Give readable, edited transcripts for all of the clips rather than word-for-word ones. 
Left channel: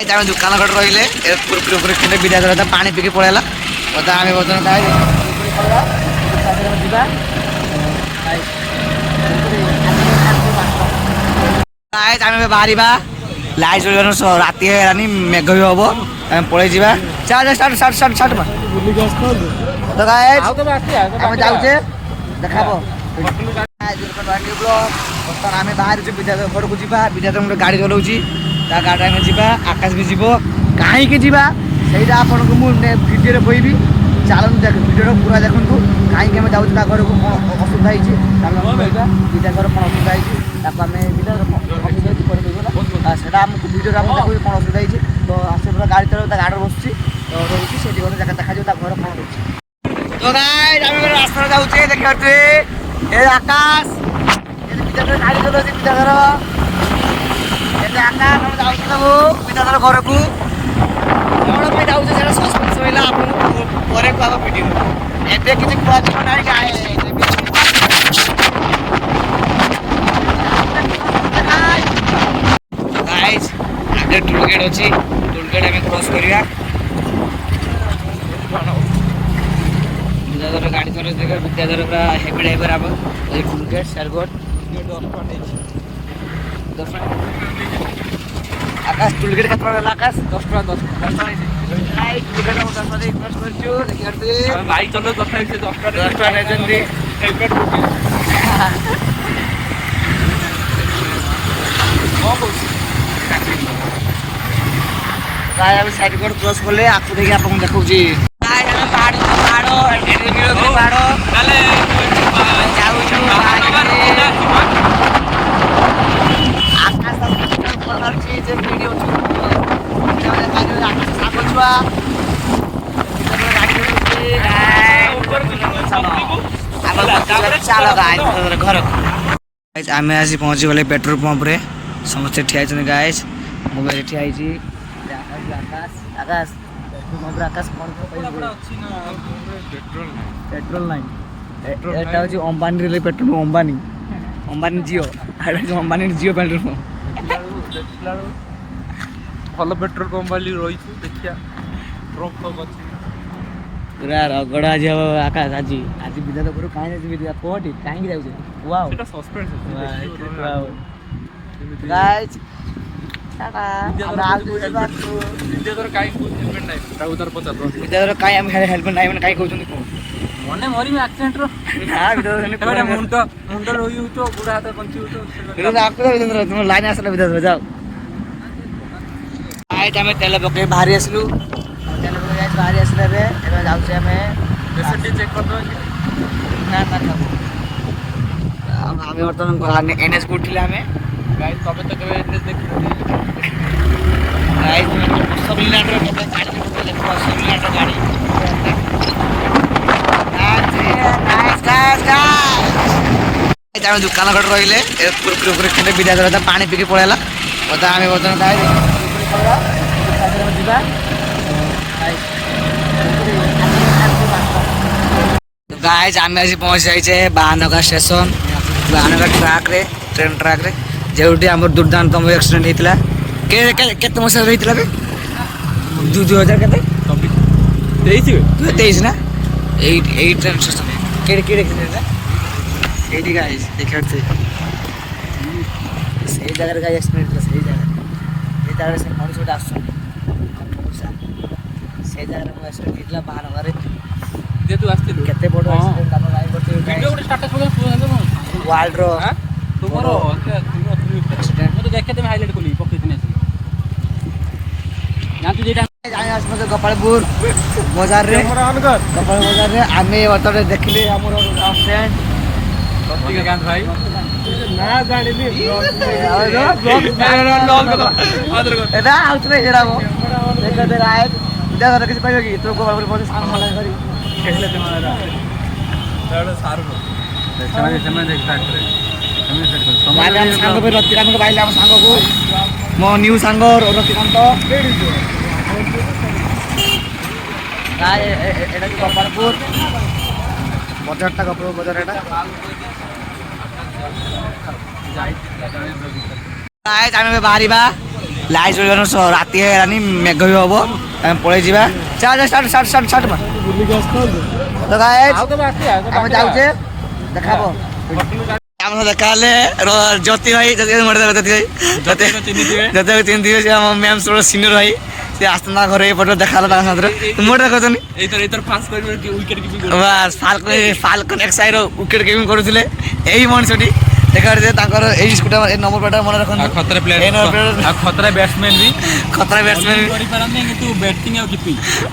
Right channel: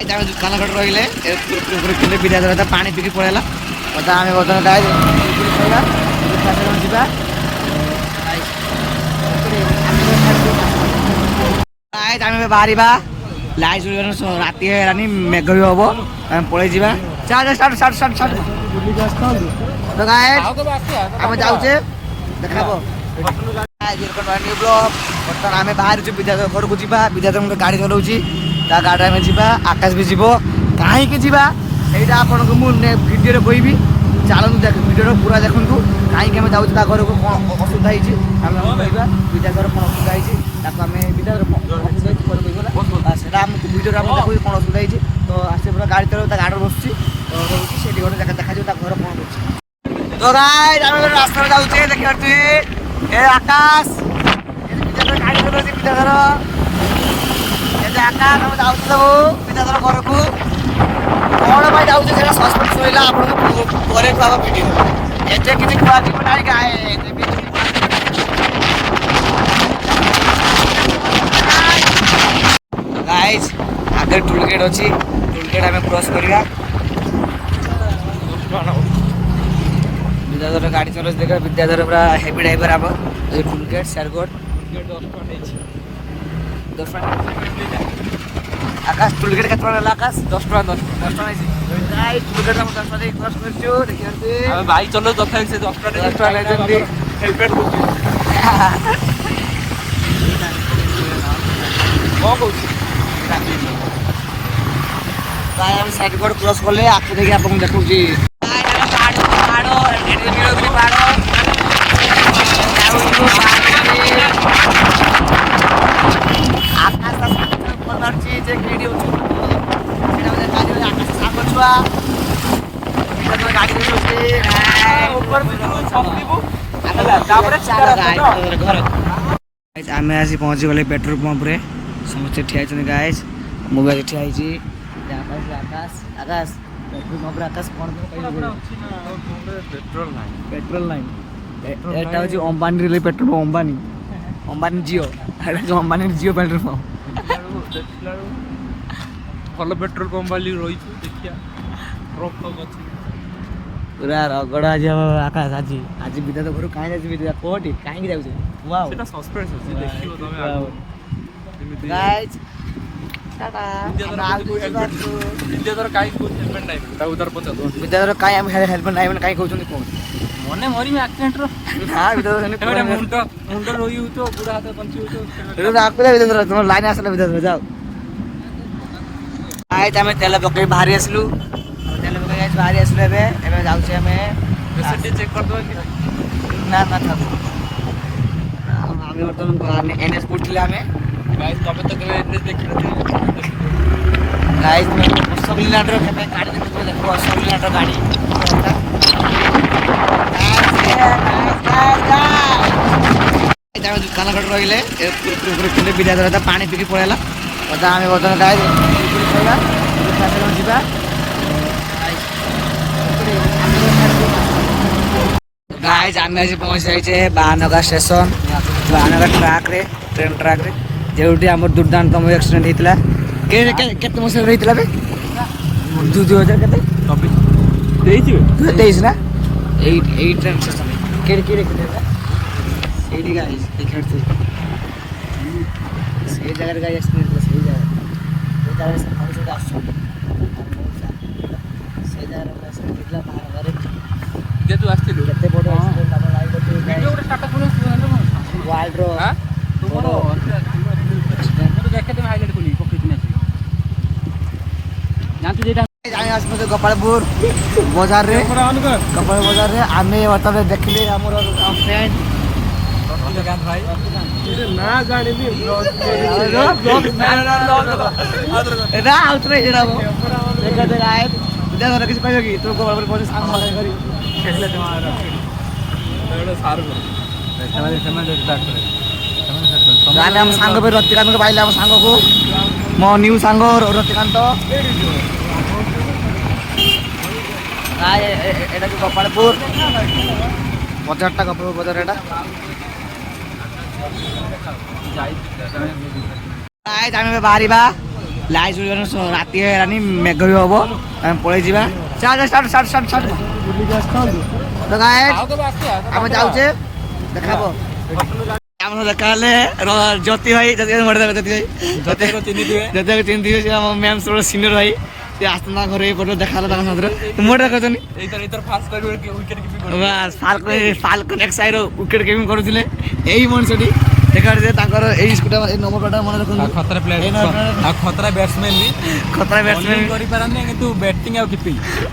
आम दुकान घट रही कुरकुरे खंडे विदा कर पानी पीकी पड़ेगा आम बर्तमान कुरकुरे खाଇବା ଯିବା आम बाहर लाइट चल राति है मेघ भी हम आम पलि जा आम जाऊे देखा बर्तमान आम बाहर विद्याधर घर को जा विद्याधर गाड़ी चलाऊँगी गाड़ी आम जा आकाश भी जीव कहीं जा आपको मुझे भिडियो कहबी चलते देख भिडियो पूरा देखूँ कहीं आम जाऊँ घर को कौन असुविधा होगा विद्याधर कौन असुविधा होती विद्याधर असुविधा होगा आमको भिडियो देखो कौन असुविधा होती तो आसे पूरा गाड़ी चलो गाड़ी बस तो रोचे से गोटे जगह देखा घर कौन रोचे तो रास्ता जाऊे देखिए आकाश विद्याधर गाड़ी चलाऊ विद्याधर आकाश सब विद्याधर घर को कौन पर जाऊे सस्पेंस रहा आप भिडियो एत किसी गाइज आगे टोलगेट अच्छी टोलगेट आम क्रॉस करवा विद्याधर गाड़ी चलो देख विद्याधर पूरा हेवी ड्राइवर आप टोलगेट शेरगढ़ 10 आकाश टोलगेट के आकाश 10 बाइक चलो साइड कोड क्रॉस कले आपको देखिए आपको देखा छुआ घर आम आसी पहुँची गले पेट्रोल पंप रे समस्ते ठिया गाइज मुझे ठिया आकाश आकाश आकाश पेट्रोल पंप आकाश कौन पेट्रोल नाइन एटा हूँ अंबानी पेट्रोल पंप अंबानी अंबानी जियो अंबानी जियो पेट्रोल पंप भल पेट्रोल पंप वाली रही देखिया पूरा रगड़ा आज आकाश आज आज विद्याधर घर कहीं जाए कौटी कहीं जाऊे विद्याधर कहीं हेलमेट ना कहीं कहते मने मरी एक्सीडेंट मुंड रही तो बुढ़ा हाथ पंची तुम लाइन आसला विद्याधर जाओ आम तेल पकड़ बाहरी आसलु तेल पकड़ बाहरी आसले जाऊे आम चेक कर आम बर्तमान एनएस पढ़े आम गाइस तबे तो केबे एनएस देखि गाइस सबलिनाटर गाड़ी देखो सबलिनाटर गाड़ी दुकान घट रही कुरकुरे खंडे विद्याधर पानी पीकी पड़ेगा आम बर्तमान कुरकुरे खाଇବା ଯିବା गाइस आम आज पहुँच जाइए बाहानगा स्टेशन बाहानगा ट्राक रे ट्रेन ट्राक रे जो आम दुर्दान्तम एक्सीडेंट होता केते मसीह होता 2000 23 ना यही ट्रेन स्टेशन ये गाइस देखा सही जगह गाइस एक्सीडेंट सही जगह से मनुष्य आस से जगह एक्सीडेंट होता बाहानगा जे तू आस्थिलु केते बड़ एक्सीडेंट हम लाइव करते वीडियो गोटे स्टार्ट करू वर्ल्ड रो बड़ एक्सीडेंट तो देखे तुम हाइलाइट कली पक्की दिन ना तू जेटा जाने आसपास गोपालपुर बाजार रे गोपाल बाजार रे आमे वर्तमान देखले हमर फ्रेंड रतिकांत भाई ना जानिबी ब्लॉग एटा आउतरे एडा वो देखा दे आए विद्याधर किसी कहबे कि तू गोपालपुर पहुंच सामान वाला करी खेले तुम्हारा दादा सार समय देख फैक्ट्री गाने हम सांग पे रतिकांत को पाइले हम सांग को मो न्यू सांग रतिकांत एटा जो गोपालपुर बाजारटा गोपालपुर बाजार एटा गाइस आमे बाहरी ଲାଇଟ୍ ଜଳିବାନ ରାତି ହେଇଗଲାନି ମେଘ ବି ହବ ଆମେ ପଳେଇ ଯିବା ଚାଲ ଷ୍ଟାର୍ଟ ତ ଗାଇସ୍ ଆମେ ଯାଉଛେ ଦେଖାବ ଆମ ଦେଖା ହେଲେ ଜ୍ୟୋତି ଭାଇ ଜ୍ୟୋତି ଚିହ୍ନିଥିବେ ସେ ଆମ ମ୍ୟାମ୍ ସିନିୟର ଭାଇ ସେ ଆସିଥାନ୍ତା ଘରେ ଏପଟେ ଦେଖା ହେଲା ତାଙ୍କ ସାଥିରେ ମୋର ଦେଖୁଛନ୍ତି ଫାଲକନ ଏକ୍ସାଇର ୱିକେଟ୍ କିପିଂ କରୁଥିଲେ ଏଇ ମଣିଷଟି ଦେଖାରେ ତାଙ୍କର ଏଇ ସ୍କୁଟା ଏଇ ନମ୍ବର ପ୍ଲେଟ୍ ମନେ ରଖନ୍ତୁ ଖତରା ବ୍ୟାଟ୍ସମ୍ୟାନ୍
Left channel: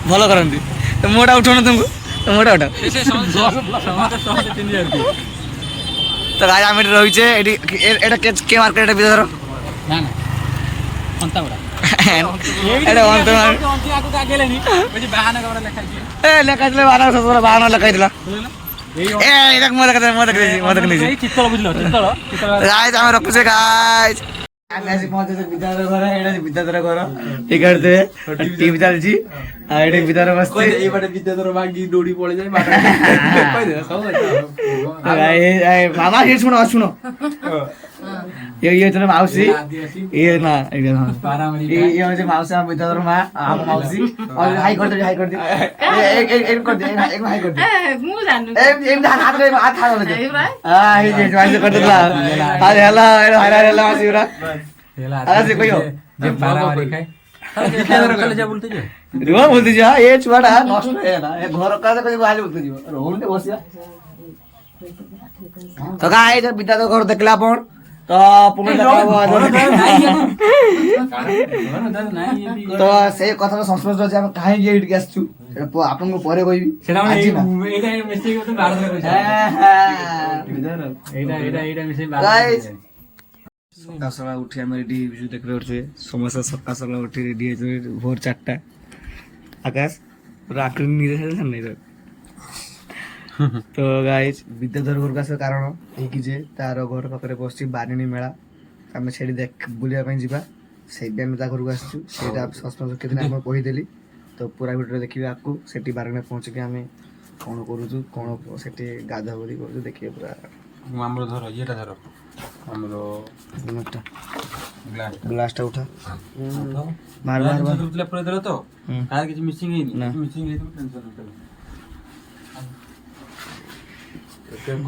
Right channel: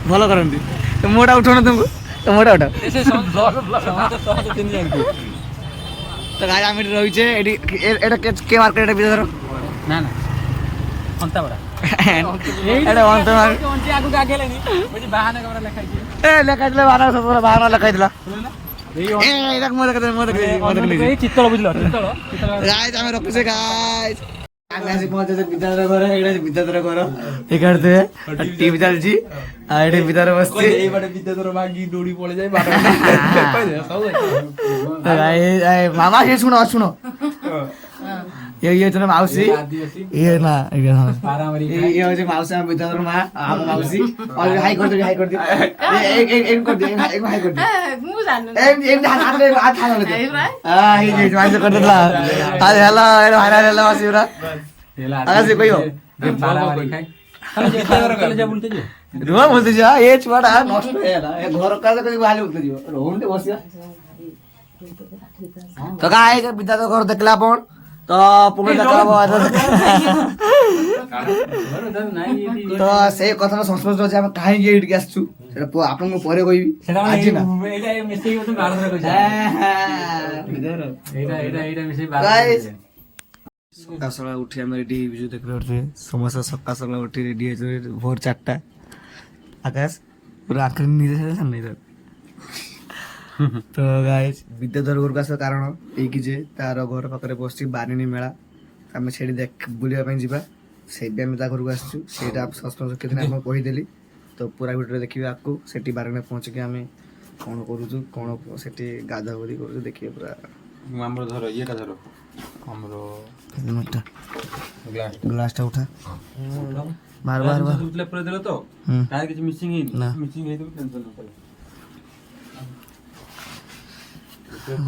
ଭଲ କରନ୍ତି ତ ମୋଟା ଉଠାଉନ ତୁମକୁ ତ ମୋଟା ଉଠାଅ ତ ଗାଈ ଆମେ ଏଠି ରହିଛେ ଏଠି ଏଇଟା କେ ମାର୍କେଟ ଏଇଟା ବିଦ୍ୟାଧର ନା ଅନ୍ତାବଡ଼ା ଲେଖାଇଥିଲେ ବାହାନ ଲେଖାଇଥିଲା ଆମେ ରଖୁଛେ ଗାଇସ୍ ଆମେ ଆସି ପହଞ୍ଚେ ବିଦ୍ୟାଧର ଘର ଏଇଟା ବିଦ୍ୟାଧର ଘର ଟିକେଟ୍ ଟିଭି ଚାଲିଛି ଆଉ ଏଠି ବିଦ୍ୟାଧର ବସିଛି ମାମା ଶୁଣ ଶୁଣ ये तो माउसी ये ना ये हो माउसी हम विद्याधर माँ हम माउसी और हाई कर दे एक कर दे एक हाई कर दे एक हाथ कर हाथ हाथ कर दे हां ये माउसी कर दे हां हेलो हेलो हेलो माउसी पूरा आसे कोई हो विद्याधर कॉलेज बोलते जे रुआ बोलते जा ये छुआड़ा नष्ट है ना ये घर का कोई बाहर बोलते जीव रोम ते बसिया तो गाइस विद्याधर घर देखला अपन तो पुणे तो से कथा संस्पर्श अच्छे आम कहीं ये आसचु आपन को परे कहबी आज ना सका सका उठी आम रेडी देख रहे समस्त सका सका उठी रेडी भोर 4टा आकाश पूरा आखिर नहीं तो गाइस विद्याधर घर आस कारण ये जे तार घर पाखे बस बारिणी मेला आम से देख बुलापी जावा से घर को आसचु से सस्पेंस कितने आपको कहीदेली तो पूरा भिडियो देखिए आपको से बारिणी पहुँचिक आम कौन करुचु कौन से गाधा गाधि कर देखिए पूरा धर ये धर ग्लास उठा बार बार पूरा देला तो किसी मिसिंग मिसिंग टेंशन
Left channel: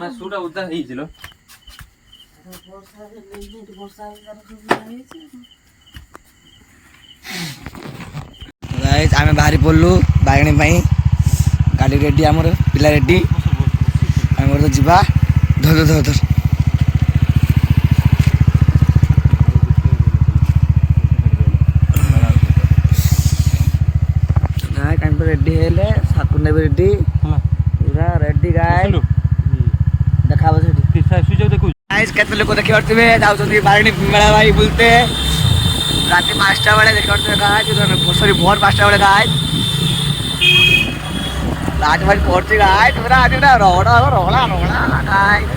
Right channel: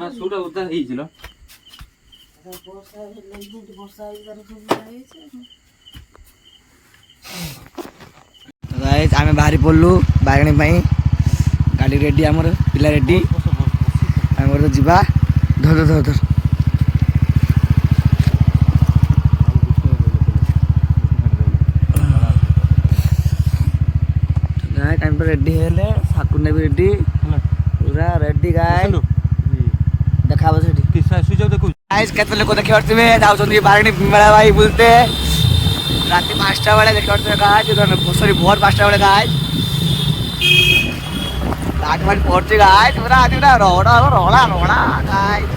না সুটা উদ্ধার হয়েছিল गाइस आमे बाहरी पड़लु बागणी पाई गाड़ी रेडी आमर पिला रेडी आमर तो जीवा धर धर धर गाइस टाइम पर रेडी हेले साकुंडा भी रेडी पूरा रेडी गाइस देखाबो सेठी सुजो देखु गाइस केते लोक देखि परथिबे जाउछन्ती बागणी मेला भाई बुलते रात 5टा बेले देखि परथिबे गाइस सॉरी भोर 5टा बेले गाइस लाट मार पड़ती गाइस पूरा आज रोड़ा रोड़ा रोड़ा गाइस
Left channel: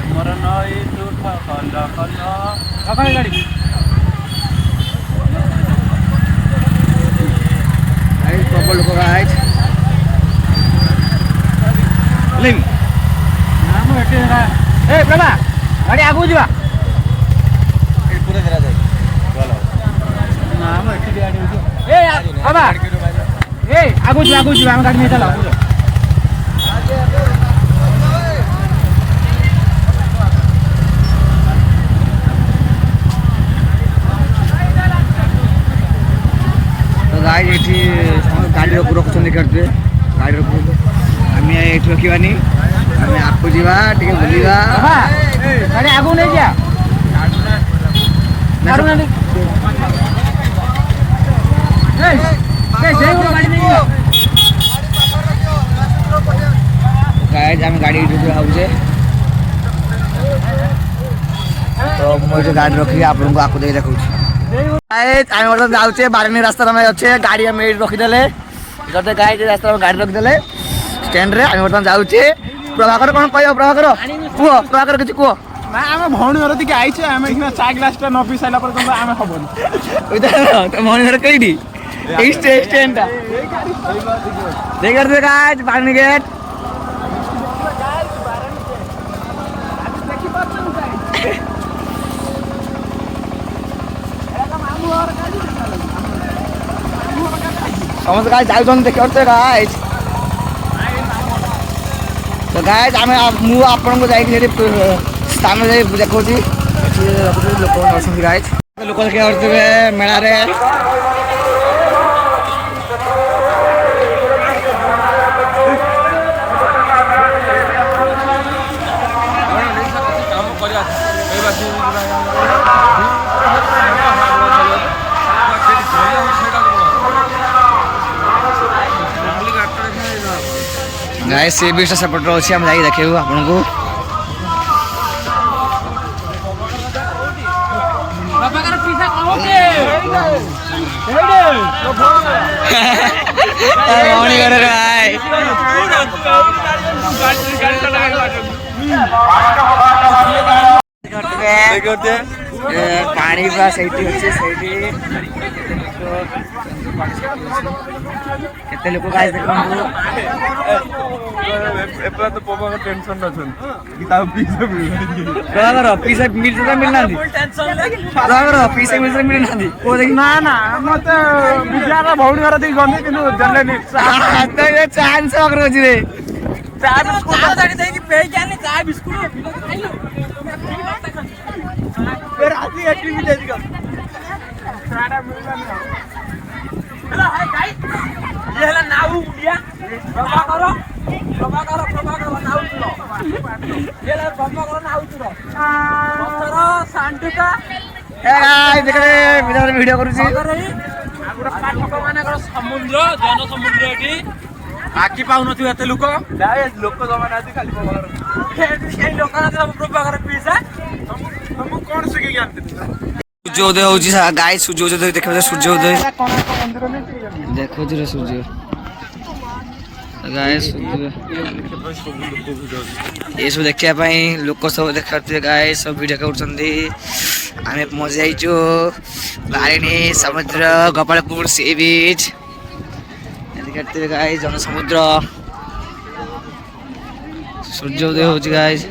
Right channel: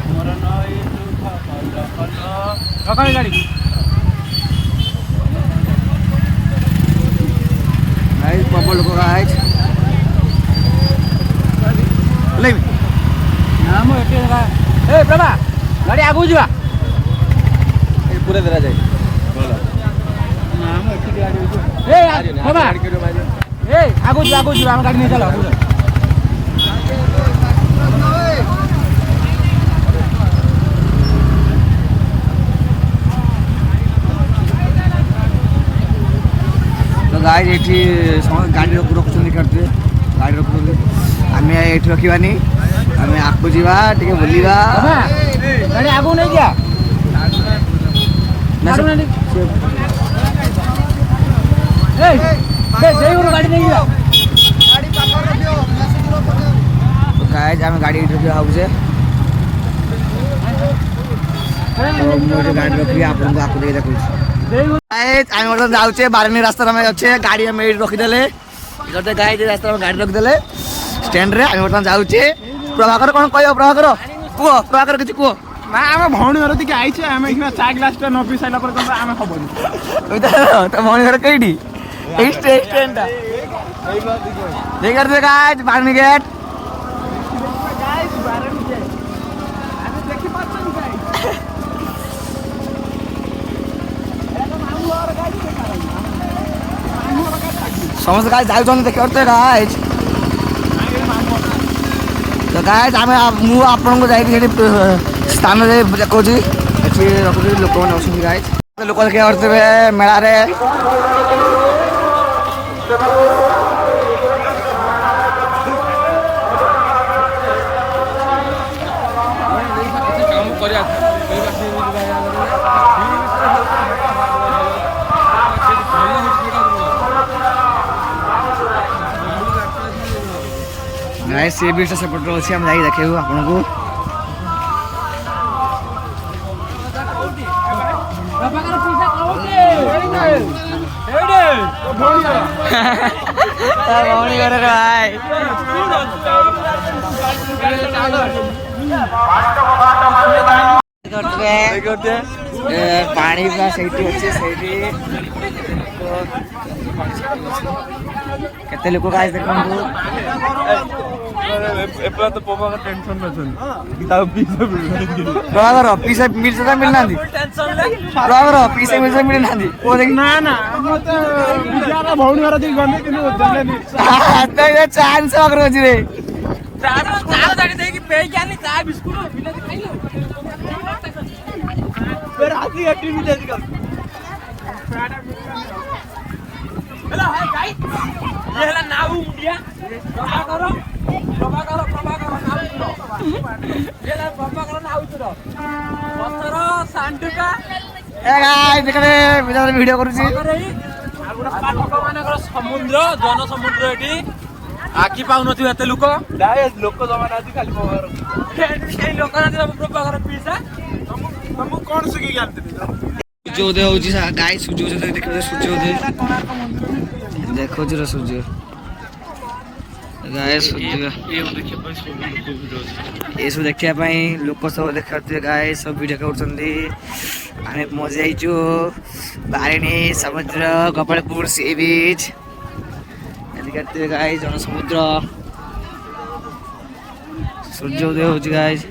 रखो गाड़ी गाइस प्रबल लोक गाइस ले नाम एटे ए प्रभा गाड़ी आगु जीवा पूरा देला जाय नाम एटे गाड़ी ए प्रभा ए आगु जीवा हम गाड़ी में चला आगु तो गाइस एठी गाड़ी रखुछन करते गाड़ी रखुछन आमे एठी रखिबानी आमे आपको जीवा टिके बुलिबा गाड़ी आगु नहीं जा मारू ना ए जय गुरु गाड़ी नहीं जा गाइस आमे गाड़ी एठी हाउसे तो मुझे गाड़ी रखली आप लोगों को आपको दे रखूछ गाइस आमे मतलब जाउचे बारनी रास्ता में अच्छे गाड़ी हम एठी रखि देले करते गाइस रास्ता में गाड़ी रखि देले स्टैंड रे आमे मतलब जाउचे प्रभाकर कोन कहयो प्रभाकर कुओ प्रभाकर किछ कुओ ना आम भौणी घर दिके आइछे आम इखना चा ग्लास टा न पी साइला पर आम हबन इधर तो भौणी घर कइडी ए स्टैंड टा देख करते गाइस बारनी गेट गाइस जाउछन देखते गाइस तो गाइस आमे मु आपन को जाई कि स्थान रे देखो जी एठी रखु लोक मन अछन गाइस लोक देखे करते मेला रे गाइस सी बीच सेपट अच्छी हम जाई देखेबू आपन को पानी पूरा सही अच्छे सही केते लोक गाइस देखंतु तो पोमा का टेंशन न छन ब्रागर पीसे मिलसे त मिलना दी ब्रागर पीसे मिलसे मिल ना दी ओ देख ना ना मत विद्यार भौणी घर देई गने किनु जल्ले नि त ये चांस अगर होजी रे चार दाडी देई कि पे जाने चाय बिस्कुट बिना तो खाइलो फिर आती एटी भी दे दी सारा मिलला नहीं हेलो हाय गाइस ये हला नाउ उडिया प्रभाकर नाउ चुरो ये ला प्रभाकर नाउ चुरो बसर सांडुका ए गाइस देखरे वीडियो करू छी पाटक मानकर समुद्र जन समुद्र एटी आकी पाउन छु एते लोक लोक जमाना आदि खाली केही लोक ना सब प्रभाकर पीसा तुम कोन सिके ज्ञान दे सूर्योदय होजी गाइस सूर्योदय देखबे सूर्योदय देखो जरा सूर्य गाइस सूर्य ये सब देखिया पई लोक सब देखते गाइस सब वीडियो करछंदी आमे मजा आइचो बारिनी समुद्र गोपालपुर सी बीच देखते गाइस जन समुद्र सूर्योदय होजी गाइस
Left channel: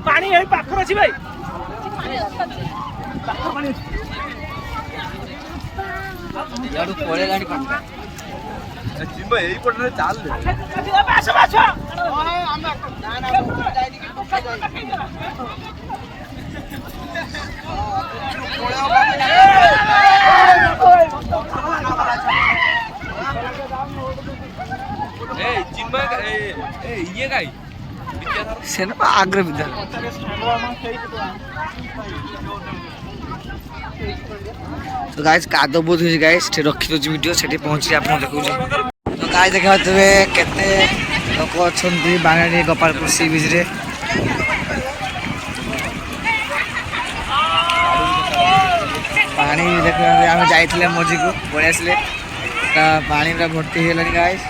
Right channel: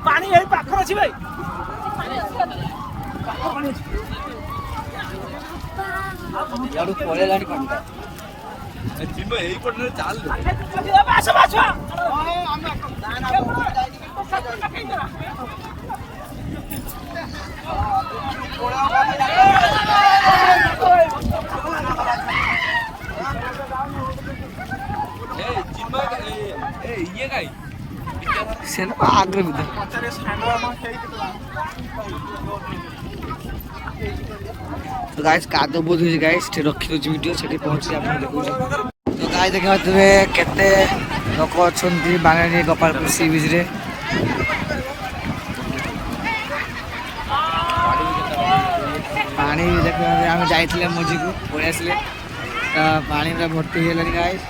पानी यही पाखर अछि भाई याडू पळे लानी पानी चिन्म एई पटने चाल दे आछो आछो ए चिन्म ए ये गाई सेन आग्र बिदा तो गाइस कादो बोध होई गाइस ठे रखि दोची वीडियो सेठी पहुंची आपन देखौ छी तो गाइस देखते केते लोक अछंती बांगानी गोपालपुर सी बीच रे पानी देख आम जाइए मझी को पड़े आसले पानी पूरा भर्ती है गाइस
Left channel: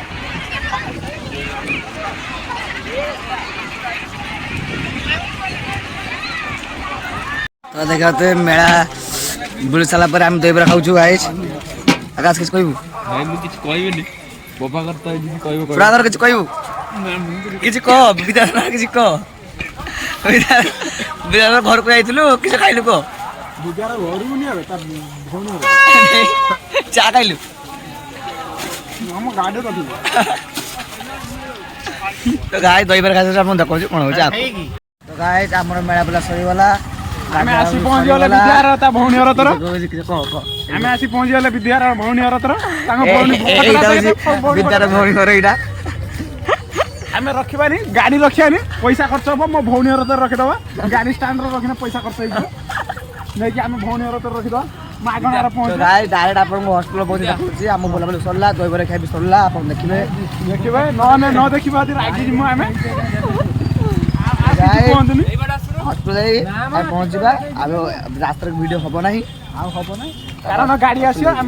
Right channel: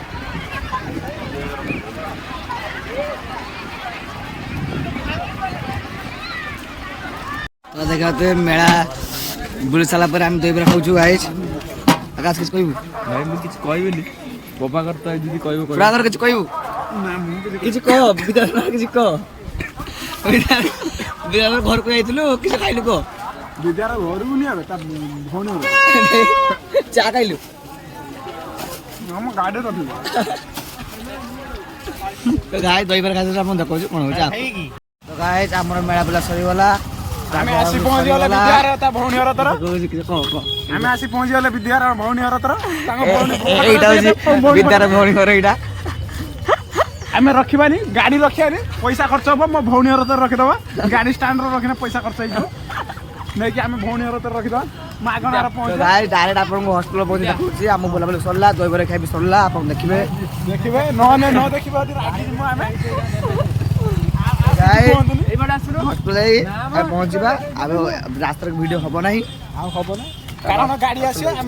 तो देखते मेला बुली सारा पर आम दहीबरा खाऊ गाइस आकाश किस कहबू भाई मु किछ कहबेनी बाबा करता जदी कहबो पूरा कर किछ कहबू किछ कह विधान किछ कह विधान घर को आइतलु किछ खाइलु को विद्यार घर को नहीं आबे ता भौणी चा खाइलु हम गाडी रखी तो गाइस दहीबरा खाइछ हम देखौ छी कोन हो जा तो गाइस हमर मेला बुला सरी वाला गाडी सरी वाला विद्यार ता भौणी घर तर किछ कह हमें आसी पहुंची गले विद्यार भौणी घर तर विद्यार भौणी घर एटा हमें रखिबानी गाड़ी रखियानी पैसा खर्च हो मो भौणी घर तर रखिदबा गाड़ी स्टैंड रो रखिना पैसा खर्च हो नहीं कि हमें भौणी घर तर रखिदबा मागणार तो पहुंच गाइस डायरेक्ट आपन को हॉस्पिटल पहुंची देखौची हम बोला बोले सरला दहीबरा खाइबी सरला आपन देखिबे देखिबे न देखिबा रागी जिमु हमें गाइस हॉस्पिटल जाई पहुंचबा अब रास्ता वीडियो हबो नाही कारण गाड़ी आसी हमें